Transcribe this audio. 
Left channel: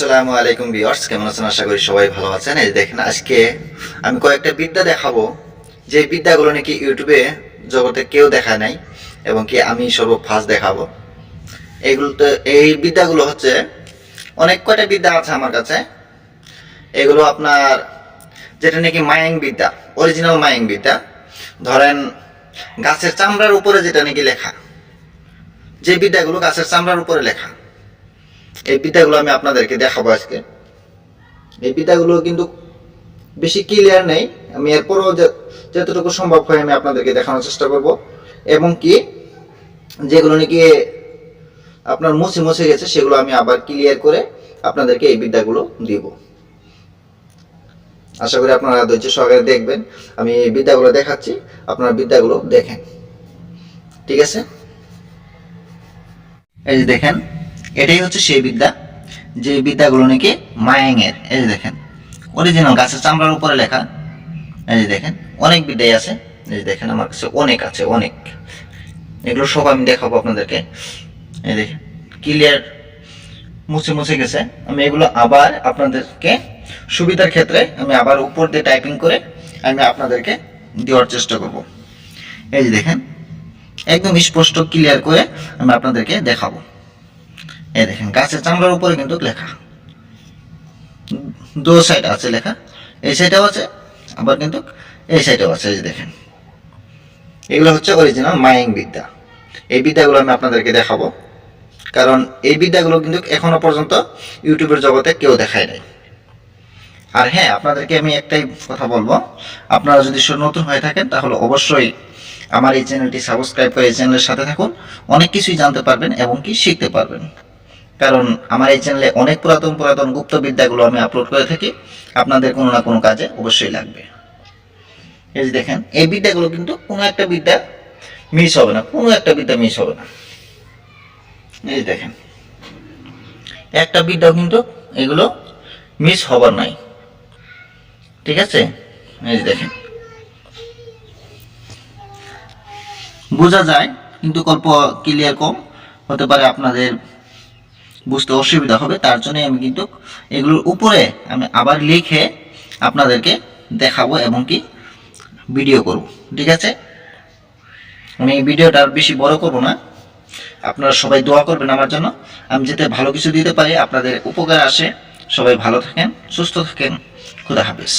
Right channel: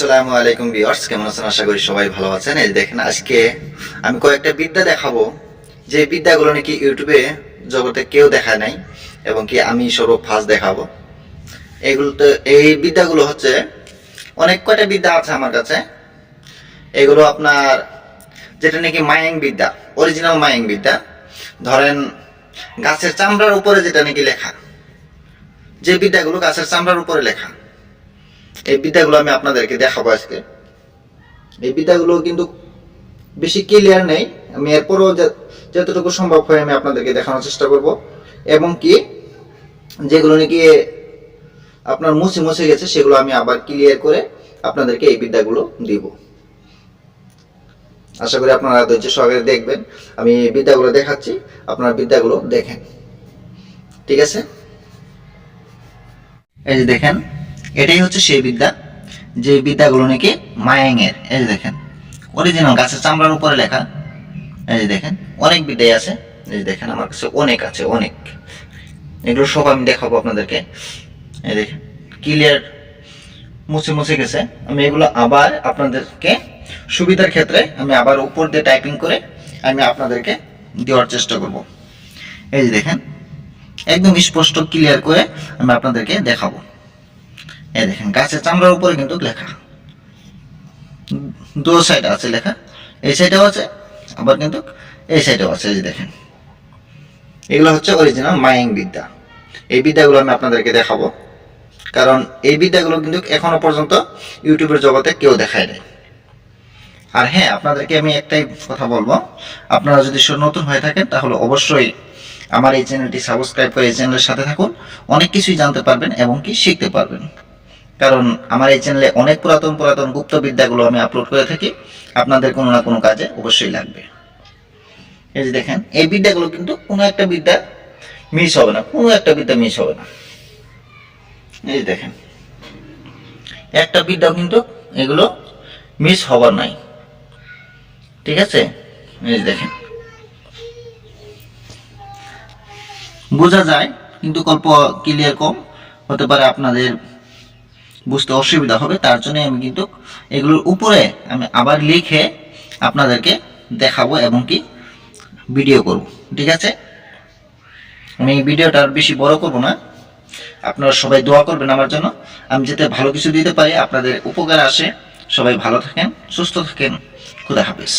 আসসালামু আলাইকুম ভিউয়ার্স, কেমন আছেন? আশা করি সবাই ভালো আছেন। এই দেখেন, আজকে আমি কয়েকটা বিদ্যা দেখাবো। যে বিদ্যাগুলো নাকি ইউটিউবে জগতে কেউ নাই এবং কি আমি সর্ব ফার্স্ট দেখাবো। এগুলো তো এই বিদ্যাগুলো হচ্ছে, অনেক কয়টা বিদ্যা আছে আমার কাছে। এগুলো আপনার, যেটা নাকি মায়াং বিদ্যা অরিজিনাল মায়াং বিদ্যা। ধরেন, গাছের চামড়ার উপরে যেটা নাকি লেখা, যে বিদ্যাগুলো গাছের চামড়ার উপরে লেখা। এই বিদ্যাগুলো আমি আপনাদেরকে দেখাবো আজকে। এই বিদ্যাগুলো কিন্তু বেশি ক্লিয়ার নেই। আমি এরপরও যতটুকু সম্ভব হয় আমি আপনাদেরকে দেখানোর চেষ্টা করব। এবং কি, যেগুলো নাকি আপনার মুছে মুছে গেছে, সেগুলো আমি আবার ক্লিয়ার করে আপনাদেরকে এই বিদ্যাগুলো দিব। আশা করি আপনারা ধৈর্য সহকারে দেখবেন। আমি বিদ্যাগুলো দেখাচ্ছি, আপনারা বিদ্যাগুলো দেখেন। ঠিক আছে? এই যে দেখেন এটাই হচ্ছে সেই বিদ্যা, যে বিদ্যাগুলো নাকি মায়াংয়ের। এই যে দেখেন অরিজিনাল গাছের চামড়ার উপরে লেখা। এই যে দেখেন, অনেক বিদ্যাই আছে। এই যে দেখেন, আমার কাছে অনেক আছে, অনেক। এগুলো সব আমি দেখাবো আপনাদেরকে। এই দেখেন ক্লিয়ার মুছে মুছে গেছে। আমি এগুলো আবার আপনাদেরকে সুবিধার ক্ষেত্রে আমি আবার উপর দিয়ে টাইপিং করে আমি আপনাদেরকে দেওয়ার চেষ্টা করব। এই যে দেখেন, একদম স্পষ্ট ক্লিয়ার করে আমি আপনাদেরকে দেখাবো। এই দেখেন, গাছের চামড়ার উপরে কিন্তু লেখা। দু সাইড আছে লেখা। এই সাইডেও আছে, আবার কিন্তু এই সাইডেও আছে, এই যে দেখেন। এগুলো হচ্ছে অরিজিনাল মাইং বিদ্যা। এই বিদ্যাগুলো আমি আপনাদেরকে দেখাবো। কারণ এই বিদ্যাগুলো কিন্তু এখনও পর্যন্ত ইউটিউবের জগতে কেউ দেখায় নাই। আর হ্যাঁ আপনাদেরকে আমি একটাই কথা বলব। আপনারা যদি নতুন হয়ে থাকেন, তাহলে অবশ্যই আমার এই চ্যানেলটি সাবস্ক্রাইব করে এই চ্যানেলের সাথে থাকুন। অনেক কিছুই জানতে পারবেন এবং কি শিখতে পারবেন। কারণ আমার এই চ্যানেলে অনেক পুরাতন পুরাতন গুপ্ত বিদ্যাগুলো আমি আপলোড করে থাকি। আপনাদের কোনো না কোনো কাজে অবশ্যই লাগবে। এই যে দেখেন, এই বিদ্যাগুলো কিন্তু কোনো একটা বিদ্যা মিস হবে না, কোনো একটা বিদ্যা মিস হবে না। এই যে দেখেন, একটা বিদ্যাও কিন্তু এগুলো মিস হবার নাই। ঠিক আছে? এই যে দেখেন, বোঝা যায়, কিন্তু গল্প ক্লিয়ার কম। হতে পারে আপনাদের বুঝতে অসুবিধা হবে, তার জন্য আমি কিন্তু এগুলোর উপরে আমি আবার লিখে আপনাদেরকে দেখাবো এবং কি ভিডিও করব, ঠিক আছে? আমি ভিডিওটা আর বেশি বড় করব না। আপনারা সবাই দোয়া করবেন আমার জন্য। আমি যাতে ভালো কিছু দিতে পারি, আপনাদের উপকার আসে। সবাই ভালো থাকেন, সুস্থ থাকেন। খুদা হাফিজ।